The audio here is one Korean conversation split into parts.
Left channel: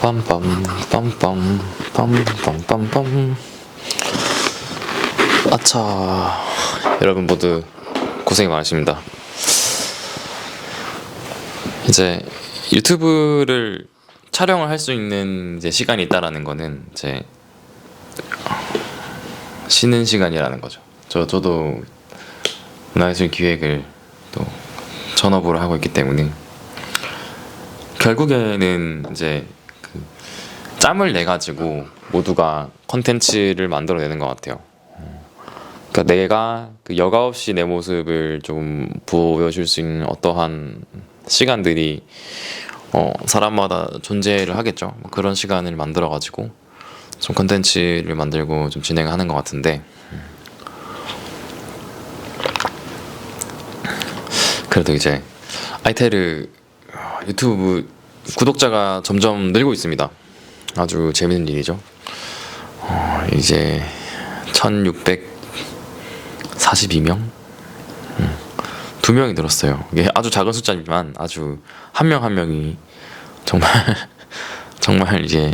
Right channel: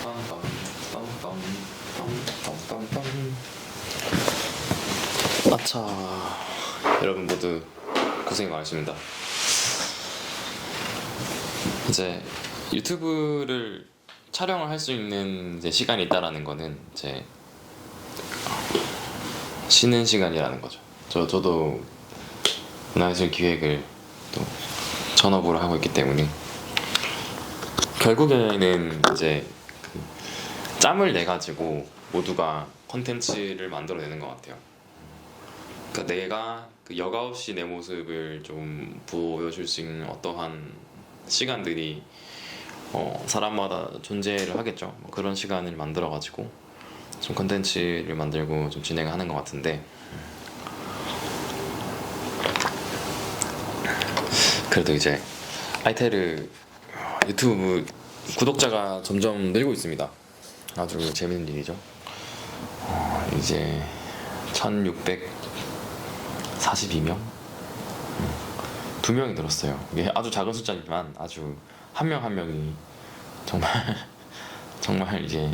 빰빰 빰빰 빰빰빰빰. 아차, 여러분 모두 고생이 많으십니다. 이제 유튜브를 촬영을 할 수 있는 이제 시간이 있다라는 거는 이제 쉬는 시간이라는 거죠. 저도 문화예술 기획을 또 전업으로 하고 있기 때문에 결국에는 이제 그 짬을 내 가지고 모두가 컨텐츠를 만들어내는 것 같아요. 그러니까 내가 그 여과 없이 내 모습을 좀 보여줄 수 있는 어떠한 시간들이 사람마다 존재를 하겠죠. 그런 시간을 만들어 가지고 좀 컨텐츠를 만들고 좀 진행하는 것 같은데, 그래도 이제 아이테르 유튜브 구독자가 점점 늘고 있습니다. 아주 재밌는 일이죠. 이제 1642명? 2명이 늘었어요. 이게 아주 작은 숫자지만 아주 한 명 한 명이 정말 정말 이제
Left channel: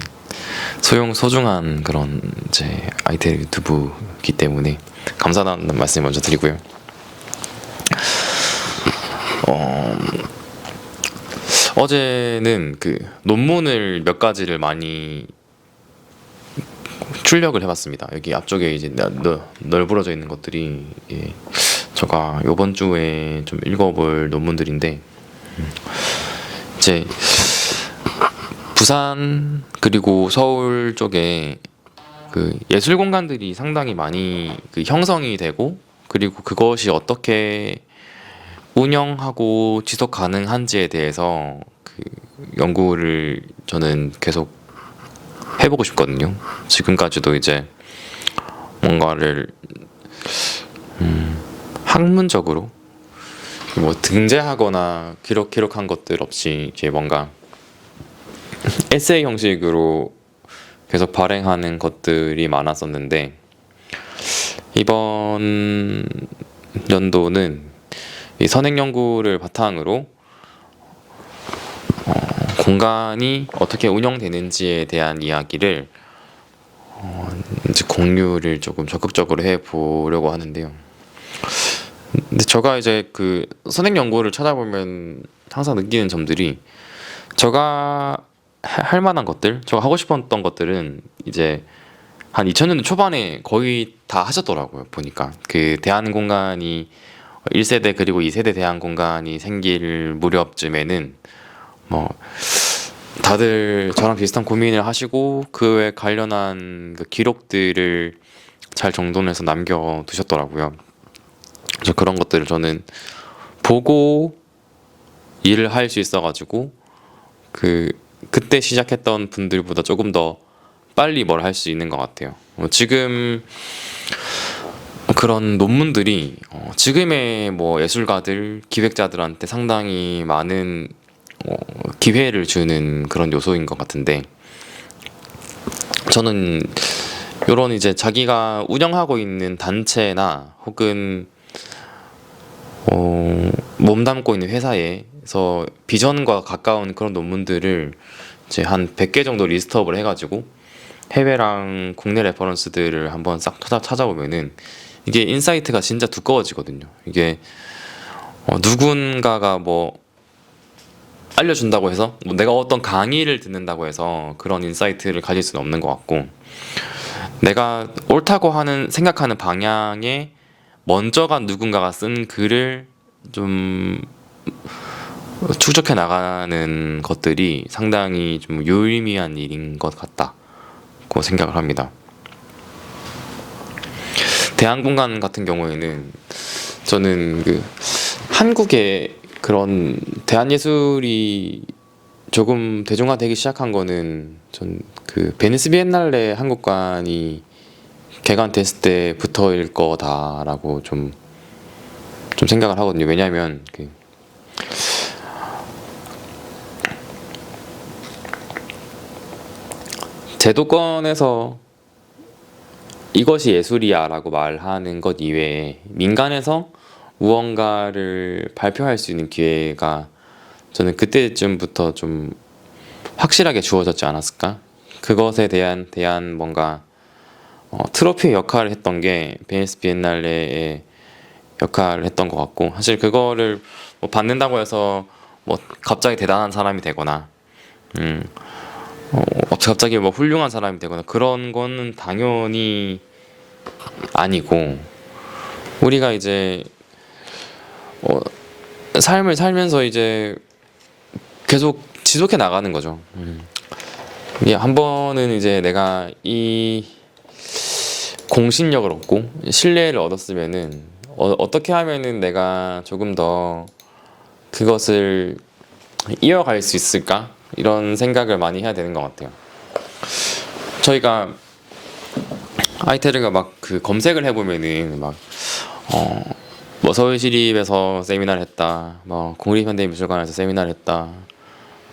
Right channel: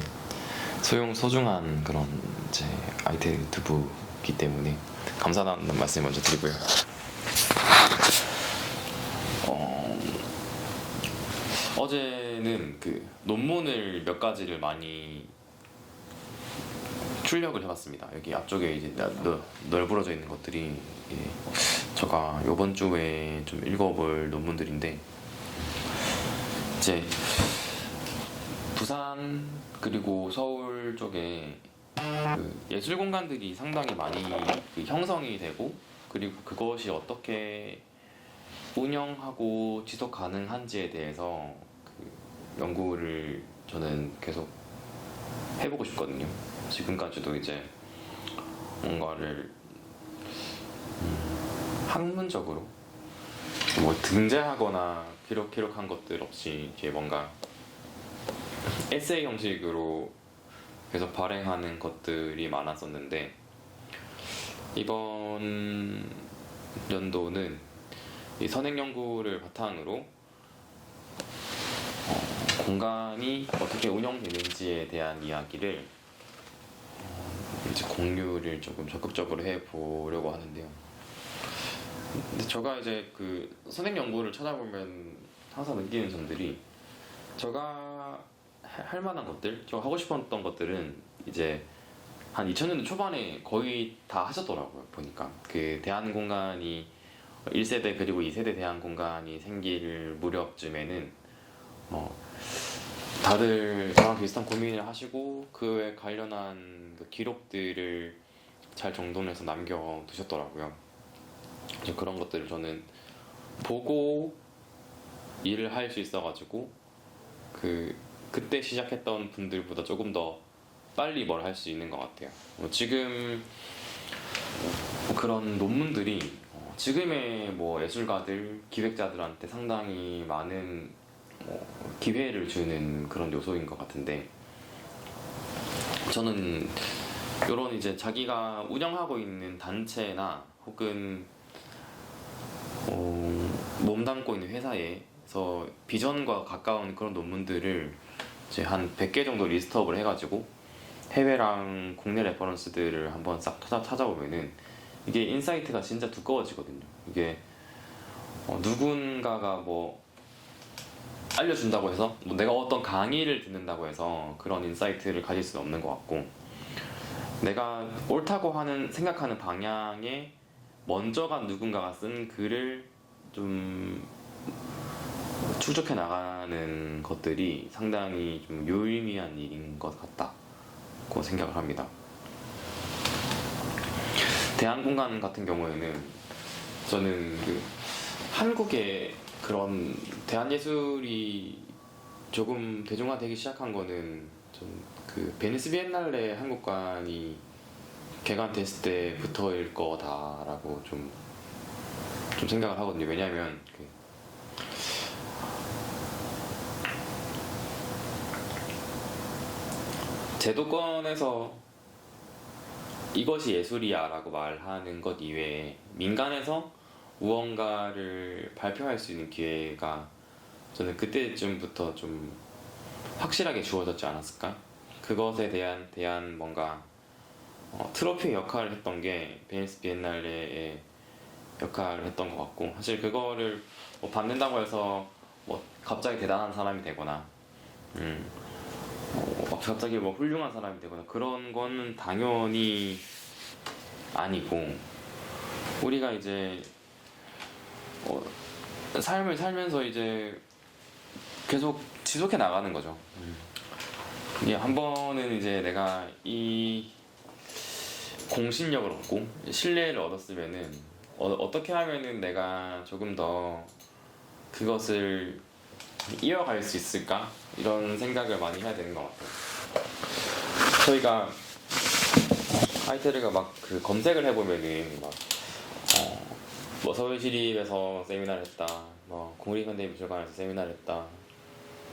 소중한 그런 이제 아이테르 유튜브이기 때문에 감사하다는 말씀 먼저 드리고요. 어제는 그 논문을 몇 가지를 많이 출력을 해봤습니다. 여기 앞쪽에 이제 널브러져 있는 것들이 제가 이번 주에 좀 읽어볼 논문들인데, 이제 부산 그리고 서울 쪽에 그 예술 공간들이 상당히 많이 그 형성이 되고, 그리고 그것이 어떻게 운영하고 지속 가능한지에 대해서 그 연구를 저는 계속 해보고 싶거든요. 지금까지도 이제 뭔가를 학문적으로 뭐 등재하거나 기록한 것들 없이 이제 뭔가 에세이 형식으로 계속 발행하는 것들이 많았었는데, 이번 연도는 이 선행 연구를 바탕으로 공간이 어떻게 운영되는지에 대한 이야기를 이제 공유를 조금 적극적으로 해보려고 하는데요. 근데 제가 이제 그 선행 연구를 찾아보면 항상 느끼는 점들이, 제가 할 만한 것들, 제가 하고 싶었던 것들은 이제 한 2000년대 초반에 거의 다 하셨더라고요. 보니까 그 대한 공간이 1세대 그리고 2세대 대한 공간이 생길 무렵쯤에는 뭐 다들 저랑 비슷한 고민을 하시고 그에 관련한 그 기록들을 잘 정돈해서 남겨두셨더라고요. 그래서 그런 것들을 저는 보고 일을 할 수 있어가지고 그때 시작했던 분들보다 조금 더 빨리 뭘 할 수 있는 것 같아요. 지금 그런 논문들이 지금의 뭐 예술가들, 기획자들한테 상당히 많은 기회를 주는 그런 요소인 것 같은데, 저는 이런 이제 자기가 운영하고 있는 단체나 혹은 몸담고 있는 회사에서 비전과 가까운 그런 논문들을 이제 한 100개 정도 리스트업을 해가지고 해외랑 국내 레퍼런스들을 한번 싹 찾아보면은 이게 인사이트가 진짜 두꺼워지거든요. 이게 누군가가 뭐 알려준다고 해서, 뭐 내가 어떤 강의를 듣는다고 해서 그런 인사이트를 가질 수는 없는 것 같고, 내가 옳다고 생각하는 방향에 먼저가 누군가가 쓴 글을 좀 추적해 나가는 것들이 상당히 좀 유의미한 일인 것 같다고 생각을 합니다. 대한공간 같은 경우에는 저는 그 한국의 그런 대한예술이 조금 대중화되기 시작한 거는, 전 그 베니스 비엔날레 한국관이 개관됐을 때부터일 거다라고 좀 생각을 하거든요. 왜냐하면 그 제도권에서 이것이 예술이야라고 말하는 것 이외에 민간에서 무언가를 발표할 수 있는 기회가 저는 그때쯤부터 좀 확실하게 주어졌지 않았을까? 그것에 대한 뭔가 트로피의 역할을 했던 게 베니스 비엔날레의 역할을 했던 것 같고, 사실 그거를 뭐 받는다고 해서 뭐 갑자기 대단한 사람이 되거나 음, 갑자기 뭐 훌륭한 사람이 되거나 그런 거는 당연히 아니고, 우리가 이제 어, 삶을 살면서 이제 계속 지속해 나가는 거죠. 이게 한 번은 이제 내가 이 공신력을 얻고 신뢰를 얻었으면은 어떻게 하면은 내가 조금 더 그것을 이어갈 수 있을까? 이런 생각을 많이 해야 되는 것 같아요. 저희가 아이테르가 막 그 검색을 해보면은 막 뭐 서울시립에서 세미나를 했다, 뭐 국립현대미술관에서 세미나를 했다,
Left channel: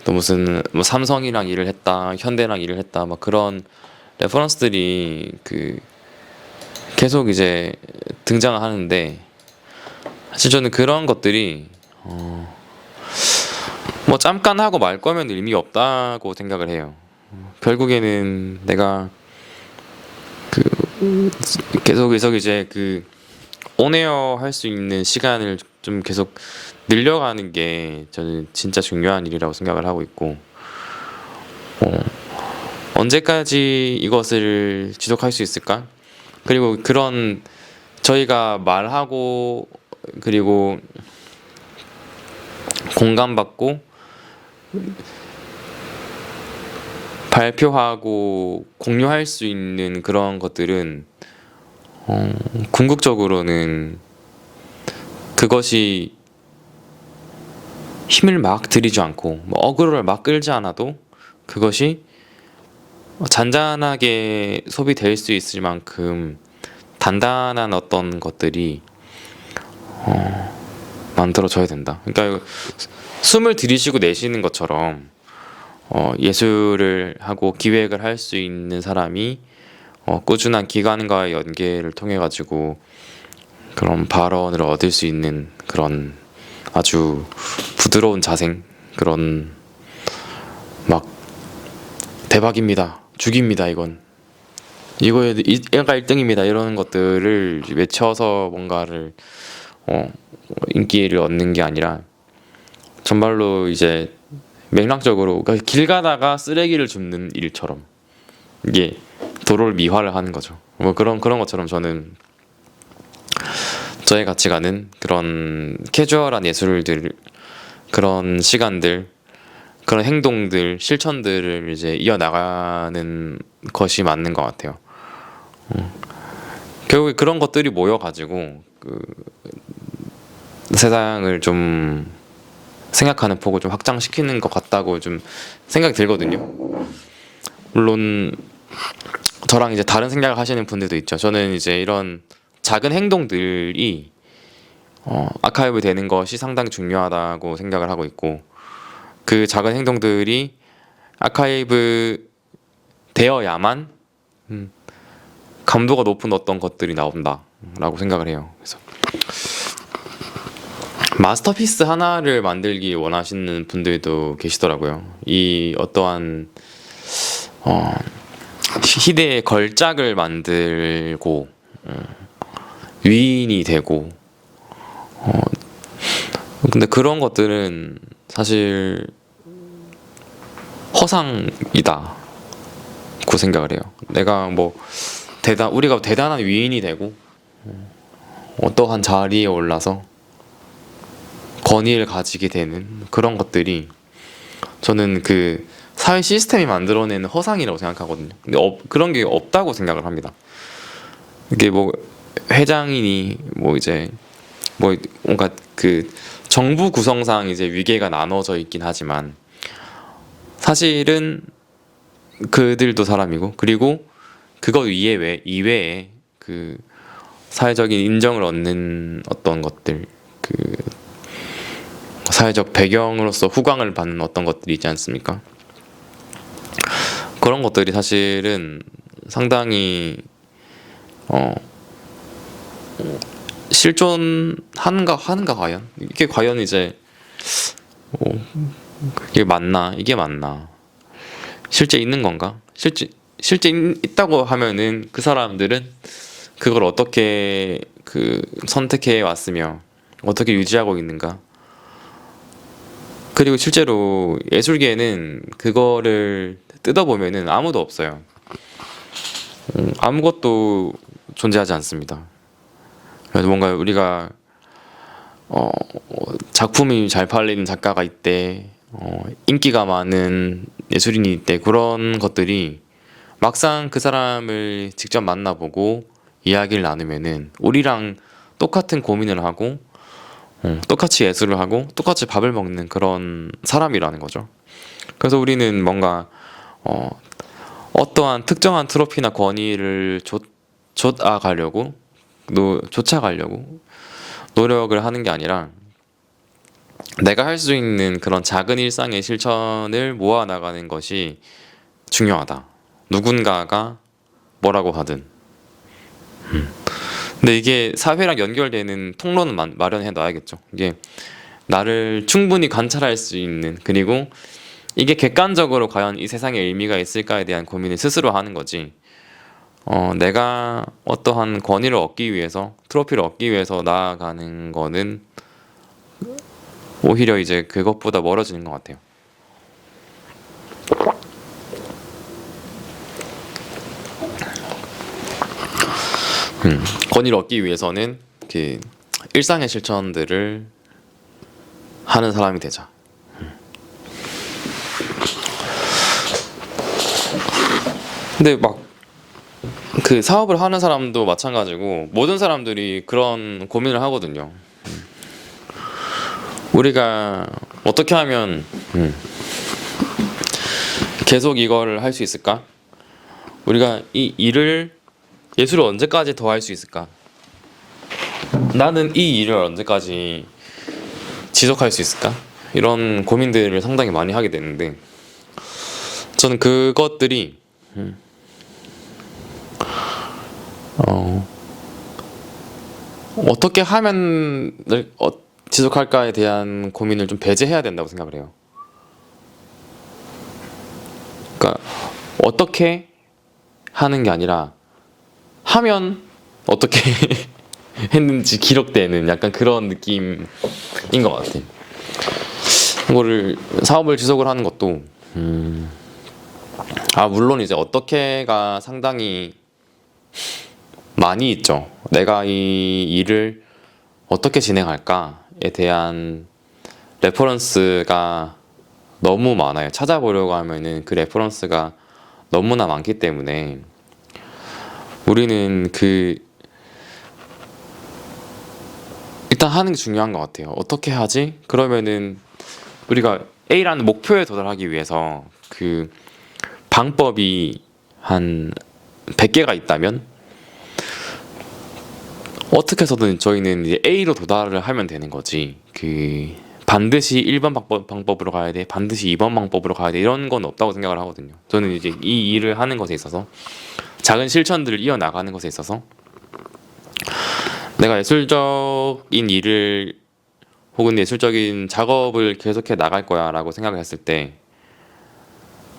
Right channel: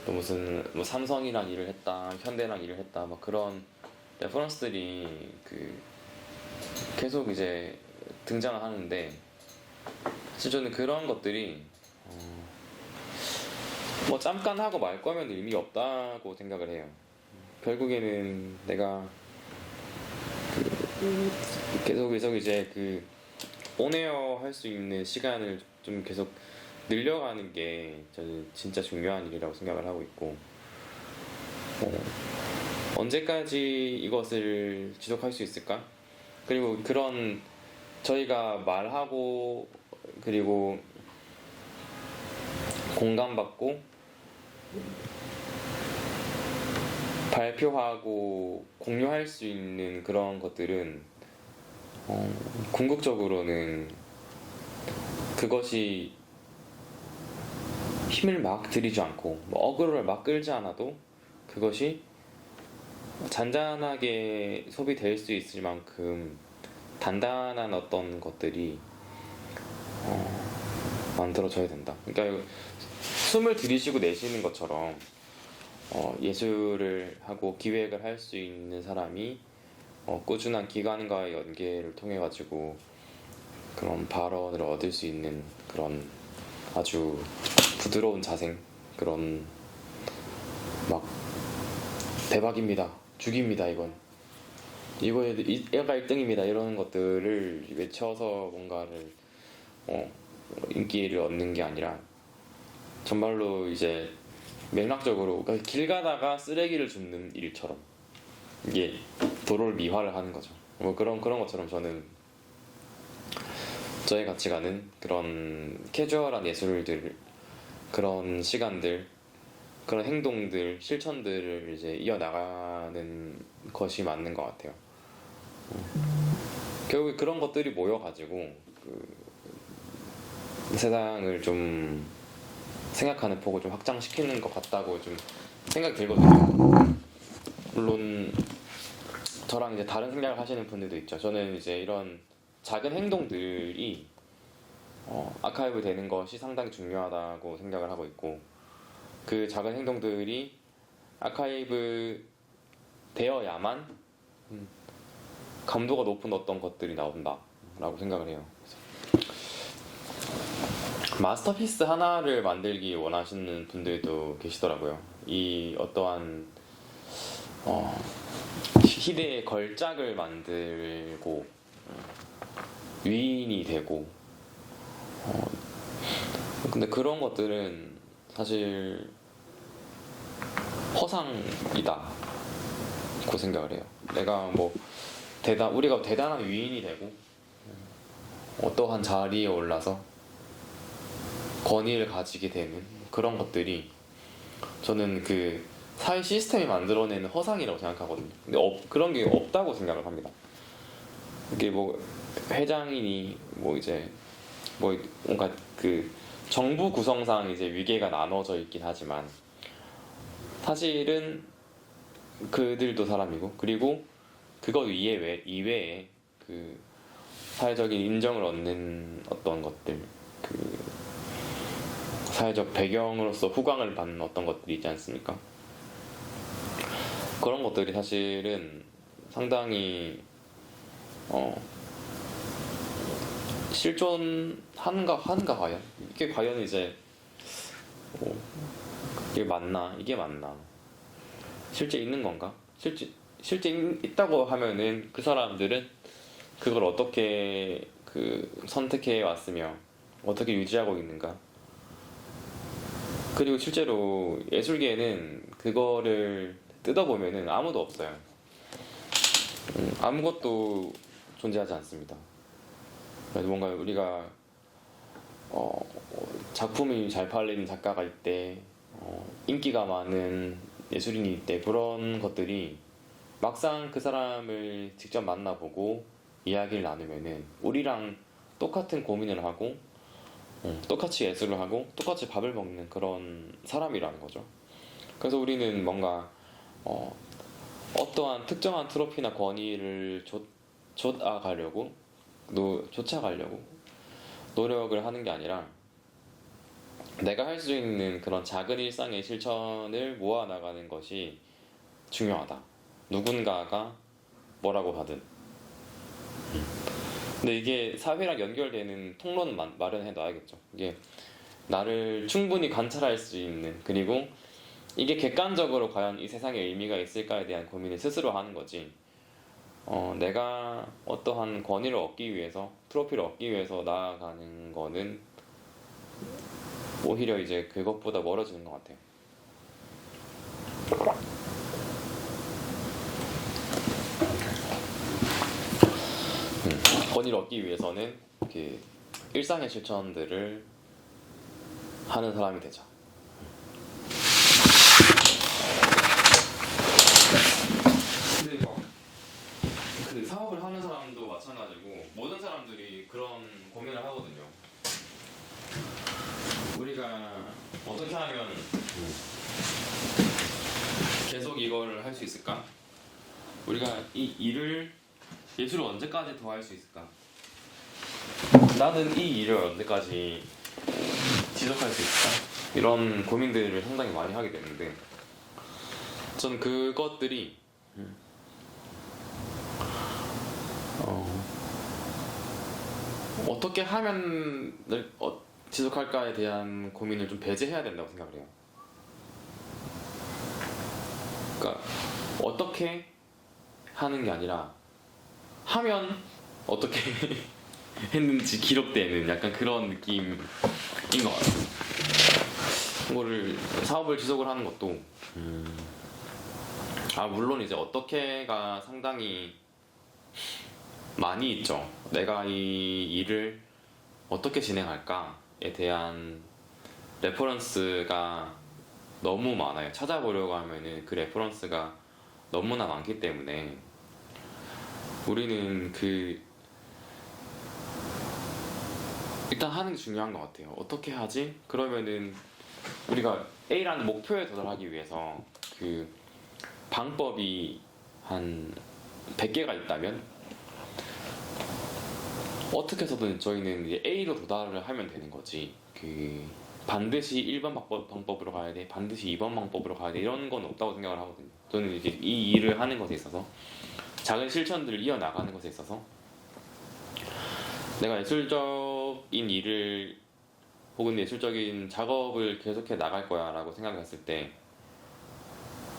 또 무슨 뭐 삼성이랑 일을 했다, 현대랑 일을 했다, 막 그런 레퍼런스들이 그 계속 이제 등장하는데, 사실 저는 그런 것들이 뭐 잠깐 하고 말 거면 의미 없다고 생각을 해요. 결국에는 내가 계속 이제 그 온에어 할 수 있는 시간을 좀 계속 늘려가는 게 저는 진짜 중요한 일이라고 생각을 하고 있고, 언제까지 이것을 지속할 수 있을까? 그리고 그런 저희가 말하고 그리고 공감받고 발표하고 공유할 수 있는 그런 것들은 궁극적으로는 그것이 힘을 막 들이지 않고 뭐 어그로를 막 끌지 않아도 그것이 잔잔하게 소비될 수 있을 만큼 단단한 어떤 것들이 만들어져야 된다. 그러니까 숨을 들이쉬고 내쉬는 것처럼 예술을 하고 기획을 할 수 있는 사람이 꾸준한 기관과의 연계를 통해 가지고 그런 발언을 얻을 수 있는 그런 아주 부드러운 자생, 그런 막 대박입니다, 죽입니다, 이거에 얘가 1등입니다 이러는 것들을 외쳐서 뭔가를 인기를 얻는 게 아니라 정말로 이제 맥락적으로, 그러니까 길 가다가 쓰레기를 줍는 일처럼 이게 도로를 미화를 하는 거죠. 뭐 그런 것처럼 저는 저의 가치관은 그런 캐주얼한 예술들, 그런 시간들, 그런 행동들, 실천들을 이제 이어나가는 것이 맞는 것 같아요. 결국에 그런 것들이 모여가지고 그 세상을 좀 생각하는 폭을 좀 확장시키는 것 같다고 좀 생각이 들거든요. 물론 저랑 이제 다른 생각을 하시는 분들도 있죠. 저는 이제 이런 작은 행동들이 아카이브 되는 것이 상당히 중요하다고 생각을 하고 있고, 그 작은 행동들이 아카이브 되어야만 감도가 높은 어떤 것들이 나온다라고 생각을 해요. 그래서 마스터피스 하나를 만들기 원하시는 분들도 계시더라고요. 이 어떠한 희대의 걸작을 만들고 위인이 되고, 근데 그런 것들은 사실 허상이다고 생각을 해요. 내가 뭐 우리가 대단한 위인이 되고 어떠한 자리에 올라서 권위를 가지게 되는 그런 것들이 저는 그 사회 시스템이 만들어내는 허상이라고 생각하거든요. 근데 그런 게 없다고 생각을 합니다. 이게 뭐 회장이니 뭐 이제 뭐 뭔가 그 정부 구성상 이제 위계가 나눠져 있긴 하지만 사실은 그들도 사람이고, 그리고 그거 이외에 그 사회적인 인정을 얻는 어떤 것들, 그 사회적 배경으로서 후광을 받는 어떤 것들이 있지 않습니까? 그런 것들이 사실은 상당히 실존하는가 과연? 이게 과연 이제 이게 맞나? 실제 있는 건가? 실제 있다고 하면은 그 사람들은 그걸 어떻게 선택해 왔으며 어떻게 유지하고 있는가? 그리고 실제로 예술계에는 그거를 뜯어보면은 아무도 없어요. 아무것도 존재하지 않습니다. 그래서 뭔가 우리가 작품이 잘 팔리는 작가가 있대, 인기가 많은 예술인이 있대, 그런 것들이 막상 그 사람을 직접 만나보고 이야기를 나누면은 우리랑 똑같은 고민을 하고 똑같이 예술을 하고 똑같이 밥을 먹는 그런 사람이라는 거죠. 그래서 우리는 뭔가 어떠한 특정한 트로피나 권위를 쫓아가려고 노력을 하는 게 아니라 내가 할 수 있는 그런 작은 일상의 실천을 모아 나가는 것이 중요하다. 누군가가 뭐라고 하든. 근데 이게 사회랑 연결되는 통로는 마련해 놔야겠죠. 이게 나를 충분히 관찰할 수 있는, 그리고 이게 객관적으로 과연 이 세상에 의미가 있을까에 대한 고민을 스스로 하는 거지. 내가 어떠한 권위를 얻기 위해서, 트로피를 얻기 위해서 나아가는 거는 오히려 이제 그것보다 멀어지는 것 같아요. 권위를 얻기 위해서는 그 일상의 실천들을 하는 사람이 되자. 근데 막 그 사업을 하는 사람도 마찬가지고 모든 사람들이 그런 고민을 하거든요. 우리가 어떻게 하면 계속 이걸 할 수 있을까? 우리가 이 일을, 예술을 언제까지 더 할 수 있을까? 나는 이 일을 언제까지 지속할 수 있을까? 이런 고민들을 상당히 많이 하게 되는데, 저는 그것들이 어떻게 하면 지속할까에 대한 고민을 좀 배제해야 된다고 생각을 해요. 그러니까 어떻게 하는 게 아니라 하면 어떻게 했는지 기록되는 약간 그런 느낌인 것 같아요. 이거를 사업을 지속을 하는 것도 물론 이제 어떻게가 상당히 많이 있죠. 내가 이 일을 어떻게 진행할까에 대한 레퍼런스가 너무 많아요. 찾아보려고 하면은 그 레퍼런스가 너무나 많기 때문에 우리는 일단 하는 게 중요한 것 같아요. 어떻게 하지? 그러면은 우리가 A라는 목표에 도달하기 위해서 그 방법이 한 100개가 있다면 어떻게 해서든 저희는 이제 A로 도달을 하면 되는 거지. 반드시 1번 방법으로 가야 돼, 반드시 2번 방법으로 가야 돼, 이런 건 없다고 생각을 하거든요. 저는 이제 이 일을 하는 것에 있어서, 작은 실천들을 이어나가는 것에 있어서 내가 예술적인 일을 혹은 예술적인 작업을 계속해 나갈 거야 라고 생각을 했을 때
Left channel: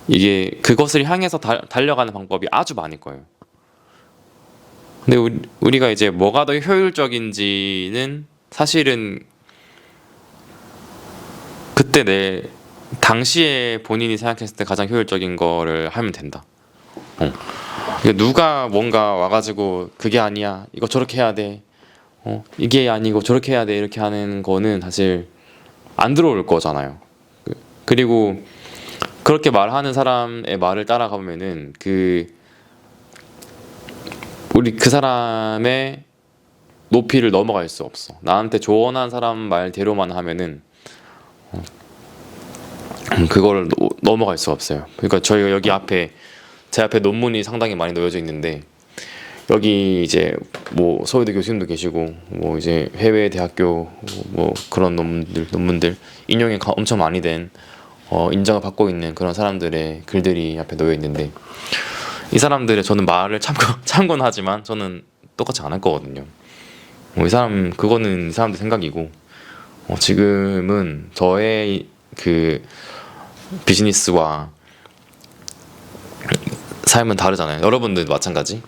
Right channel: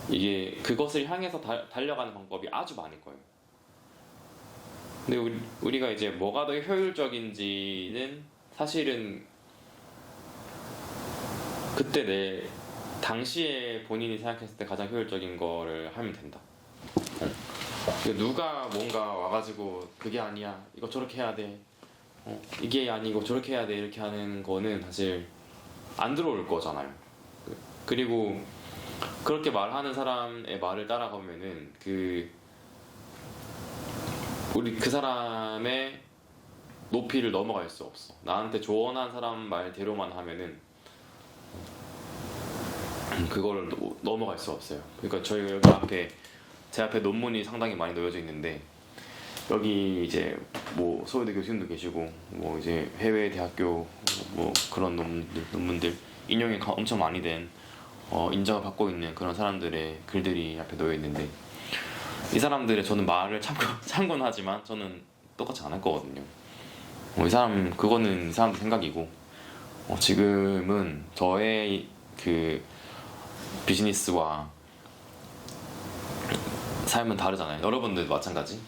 이게 그것을 향해서 달려가는 방법이 아주 많을 거예요. 근데 우리가 이제 뭐가 더 효율적인지는 사실은 그때 내 당시에 본인이 생각했을 때 가장 효율적인 거를 하면 된다. 누가 뭔가 와가지고 그게 아니야, 이거 저렇게 해야 돼, 이게 아니고 저렇게 해야 돼, 이렇게 하는 거는 사실 안 들어올 거잖아요. 그리고 그렇게 말하는 사람의 말을 따라가면은 우리 그 사람의 높이를 넘어갈 수 없어. 나한테 조언한 사람 말대로만 하면은 그거를 넘어갈 수 없어요. 그러니까 저희가 제 앞에 논문이 상당히 많이 놓여져 있는데, 여기 이제 뭐 서울대 교수님도 계시고 뭐 이제 해외 대학교 뭐 그런 논문들 인용이 엄청 많이 된 인정을 받고 있는 그런 사람들의 글들이 앞에 놓여 있는데, 이 사람들의 저는 말을 참고는 하지만 저는 똑같이 안 할 거거든요. 그거는 이 사람들 생각이고, 지금은 저의 그 비즈니스와 삶은 다르잖아요. 여러분들도 마찬가지.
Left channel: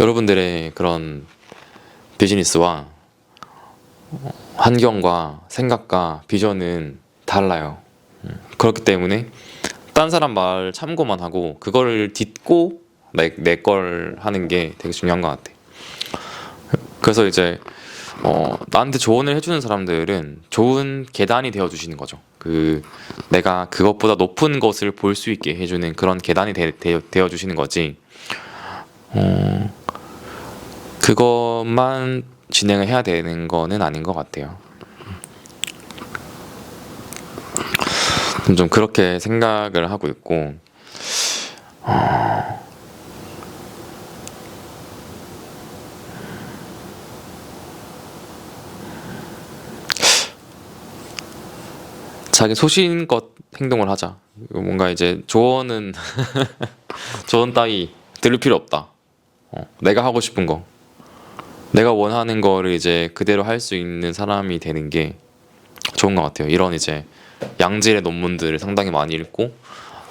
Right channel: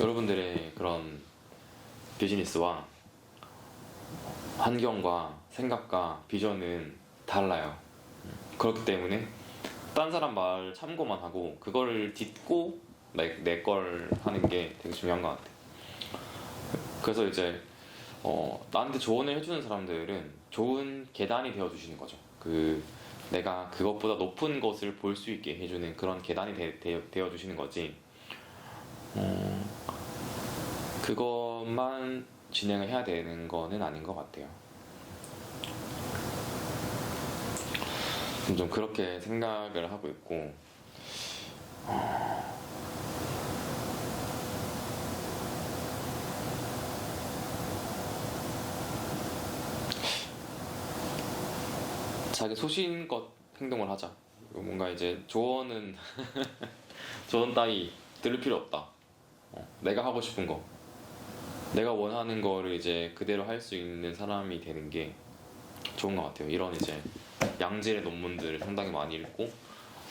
여러분들의 그런 비즈니스와 환경과 생각과 비전은 달라요. 그렇기 때문에 딴 사람 말 참고만 하고 그거를 딛고 내 걸 하는 게 되게 중요한 것 같아. 그래서 이제 나한테 조언을 해주는 사람들은 좋은 계단이 되어주시는 거죠. 내가 그것보다 높은 것을 볼 수 있게 해주는 그런 계단이 되어주시는 거지. 그것만 진행을 해야 되는 거는 아닌 것 같아요. 좀 그렇게 생각을 하고 있고, 자기 소신껏 행동을 하자. 뭔가 이제 조언은 조언 따위 들을 필요 없다. 내가 하고 싶은 거, 내가 원하는 거를 이제 그대로 할 수 있는 사람이 되는 게 좋은 것 같아요. 이런 이제 양질의 논문들을 상당히 많이 읽고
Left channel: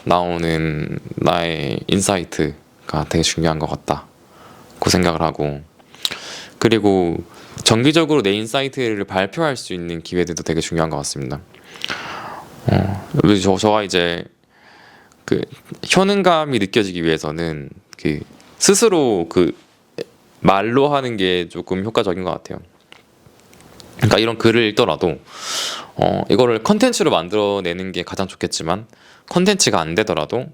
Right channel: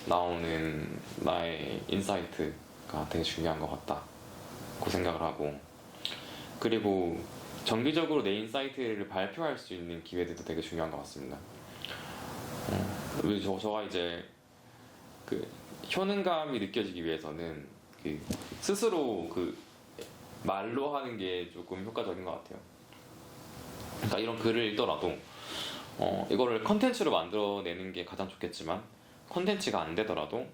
나오는 나의 인사이트가 되게 중요한 것 같다고 생각을 하고, 그리고 정기적으로 내 인사이트를 발표할 수 있는 기회들도 되게 중요한 것 같습니다. 저가 이제 그 효능감이 느껴지기 위해서는 스스로 말로 하는 게 조금 효과적인 것 같아요. 그러니까 이런 글을 읽더라도 이거를 컨텐츠로 만들어내는 게 가장 좋겠지만, 컨텐츠가 안 되더라도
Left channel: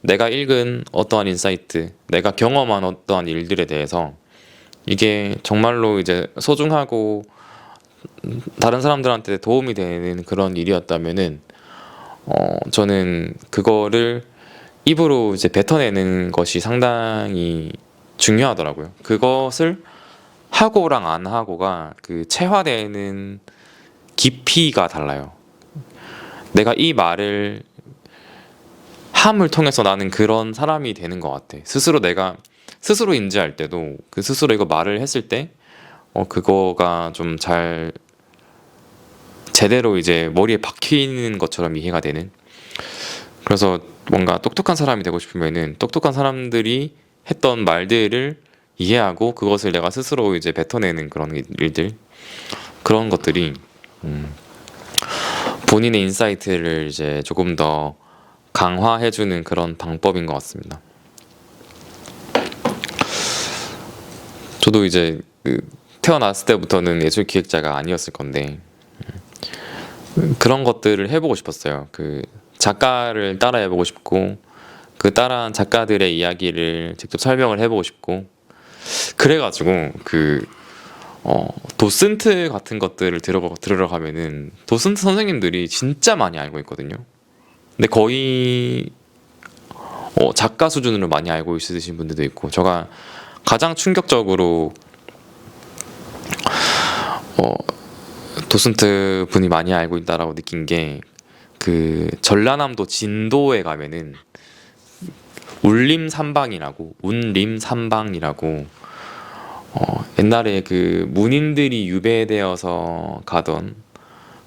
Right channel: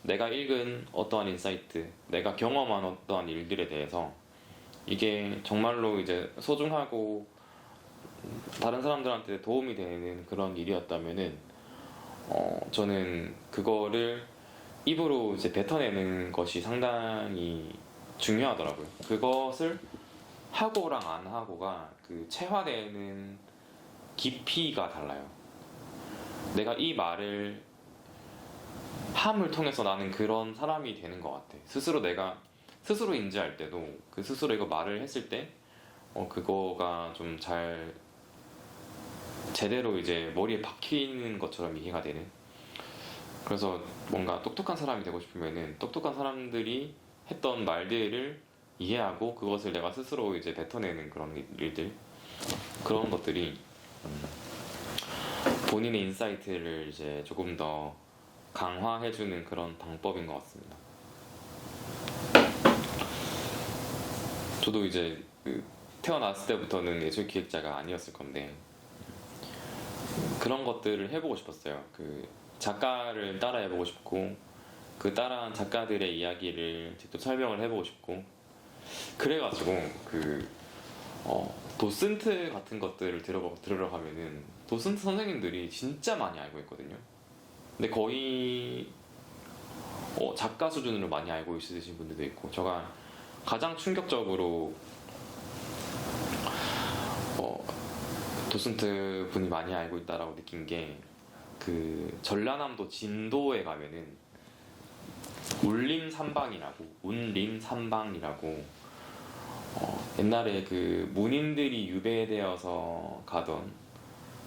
내가 읽은 어떠한 인사이트, 내가 경험한 어떠한 일들에 대해서 이게 정말로 이제 소중하고 다른 사람들한테 도움이 되는 그런 일이었다면은 저는 그거를 입으로 이제 뱉어내는 것이 상당히 중요하더라고요. 그것을 하고랑 안 하고가 체화되는 깊이가 달라요. 내가 이 말을 함을 통해서 나는 그런 사람이 되는 것 같아. 내가 스스로 인지할 때도 스스로 이거 말을 했을 때 그거가 좀 잘 제대로 이제 머리에 박히는 것처럼 이해가 되는. 그래서 뭔가 똑똑한 사람이 되고 싶으면은 똑똑한 사람들이 했던 말들을 이해하고 그것을 내가 스스로 이제 뱉어내는 그런 일들, 그런 것들이 본인의 인사이트를 이제 조금 더 강화해주는 그런 방법인 것 같습니다. 저도 이제 태어났을 때부터는 예술 기획자가 아니었을 건데 그런 것들을 해보고 싶었어요. 작가를 따라해보고 싶고 따라한 작가들의 이야기를 직접 설명을 해보고 싶고, 그래가지고 도슨트 같은 것들을 들으러 가면은 도슨트 선생님들이 진짜 많이 알고 있거든요. 근데 거의 작가 수준으로 많이 알고 있으신 분들도 있고, 제가 가장 충격적으로 도슨트 분이 많이 알고 있다라고 느낀 게 전라남도 진도에 가면은 운림삼방이라고 옛날에 문인들이 유배되어서 가던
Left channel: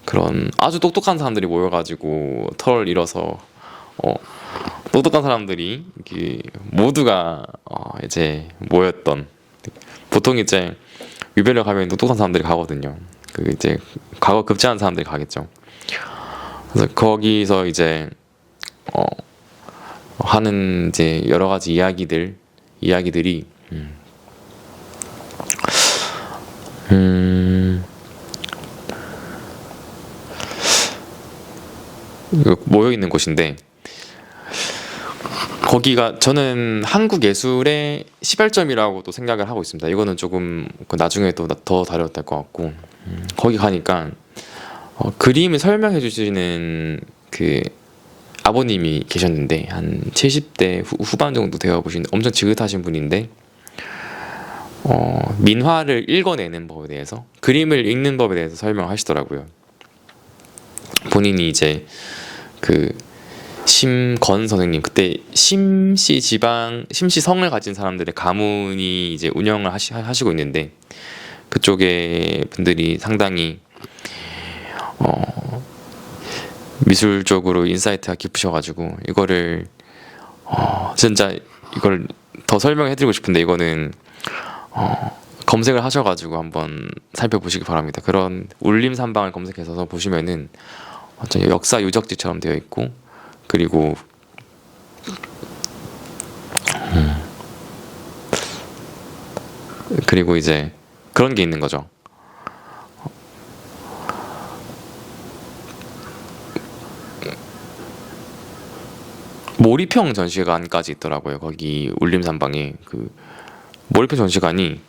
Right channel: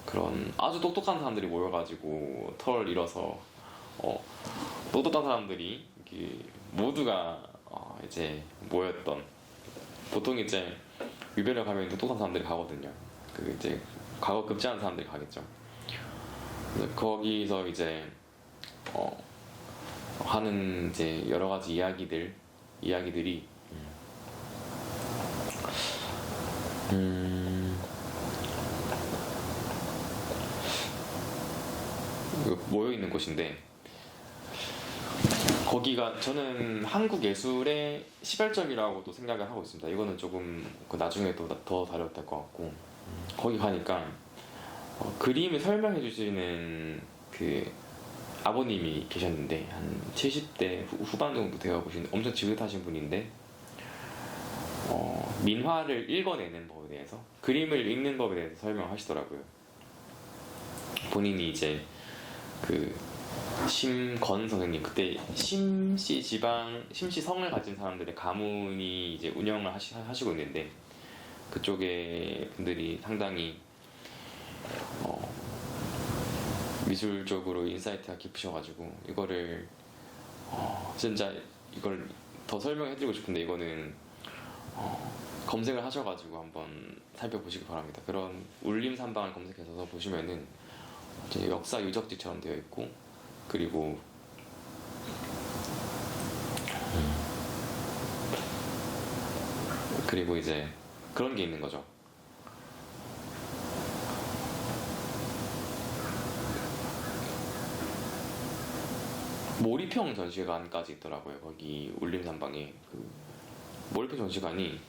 그런 아주 똑똑한 사람들이 모여가지고 털을 잃어서 똑똑한 사람들이 모두가 이제 모였던, 보통 이제 유배를 가면 똑똑한 사람들이 가거든요. 이제 과거 급제한 사람들이 가겠죠. 그래서 거기서 이제 하는 이제 여러 가지 이야기들이 모여 있는 곳인데, 거기가 저는 한국 예술의 시발점이라고도 생각을 하고 있습니다. 이거는 조금 나중에 또 더 다뤄야 될 것 같고, 거기 가니까 그림을 설명해 주시는 아버님이 계셨는데 한 70대 후반 정도 되어 보신 엄청 지긋하신 분인데 민화를 읽어내는 법에 대해서, 그림을 읽는 법에 대해서 설명하시더라고요. 본인이 이제 심건 선생님, 그때 심시성을 가진 사람들의 가문이 이제 운영을 하시고 있는데, 그쪽의 분들이 상당히 미술적으로 인사이트가 깊으셔가지고 이거를 진짜 이걸 더 설명해드리고 싶은데 이거는 검색을 하셔가지고 한번 살펴보시기 바랍니다. 그런 울림산방을 검색해서 보시면은 완전 역사 유적지처럼 되어 있고, 그리고 그리고 이제 그런 게 있는 거죠. 몰입형 전시관까지 있더라고요. 거기 울림산방에 그 몰입형 전시관이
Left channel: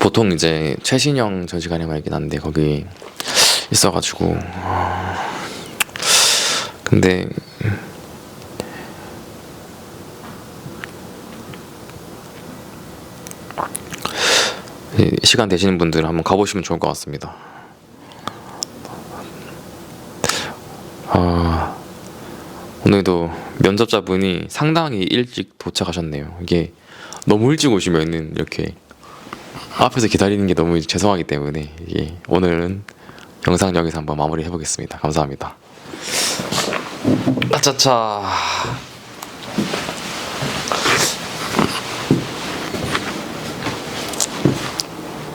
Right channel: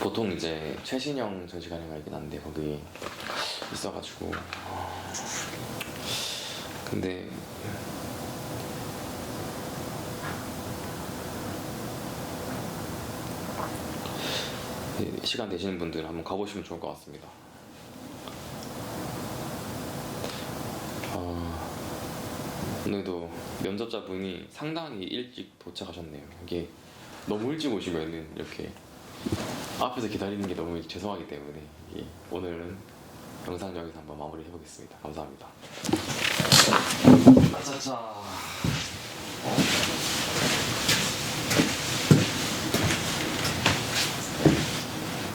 보통 이제 최신형 전시관에만 있긴 한데 거기 있어가지고 근데 시간 되시는 분들은 한번 가보시면 좋을 것 같습니다. 오늘도 면접자분이 상당히 일찍 도착하셨네요. 이게 너무 일찍 오시면은 이렇게 앞에서 기다리는 게 너무 죄송하기 때문에 이게 오늘은 영상 여기서 한번 마무리 해보겠습니다. 감사합니다. 아차차.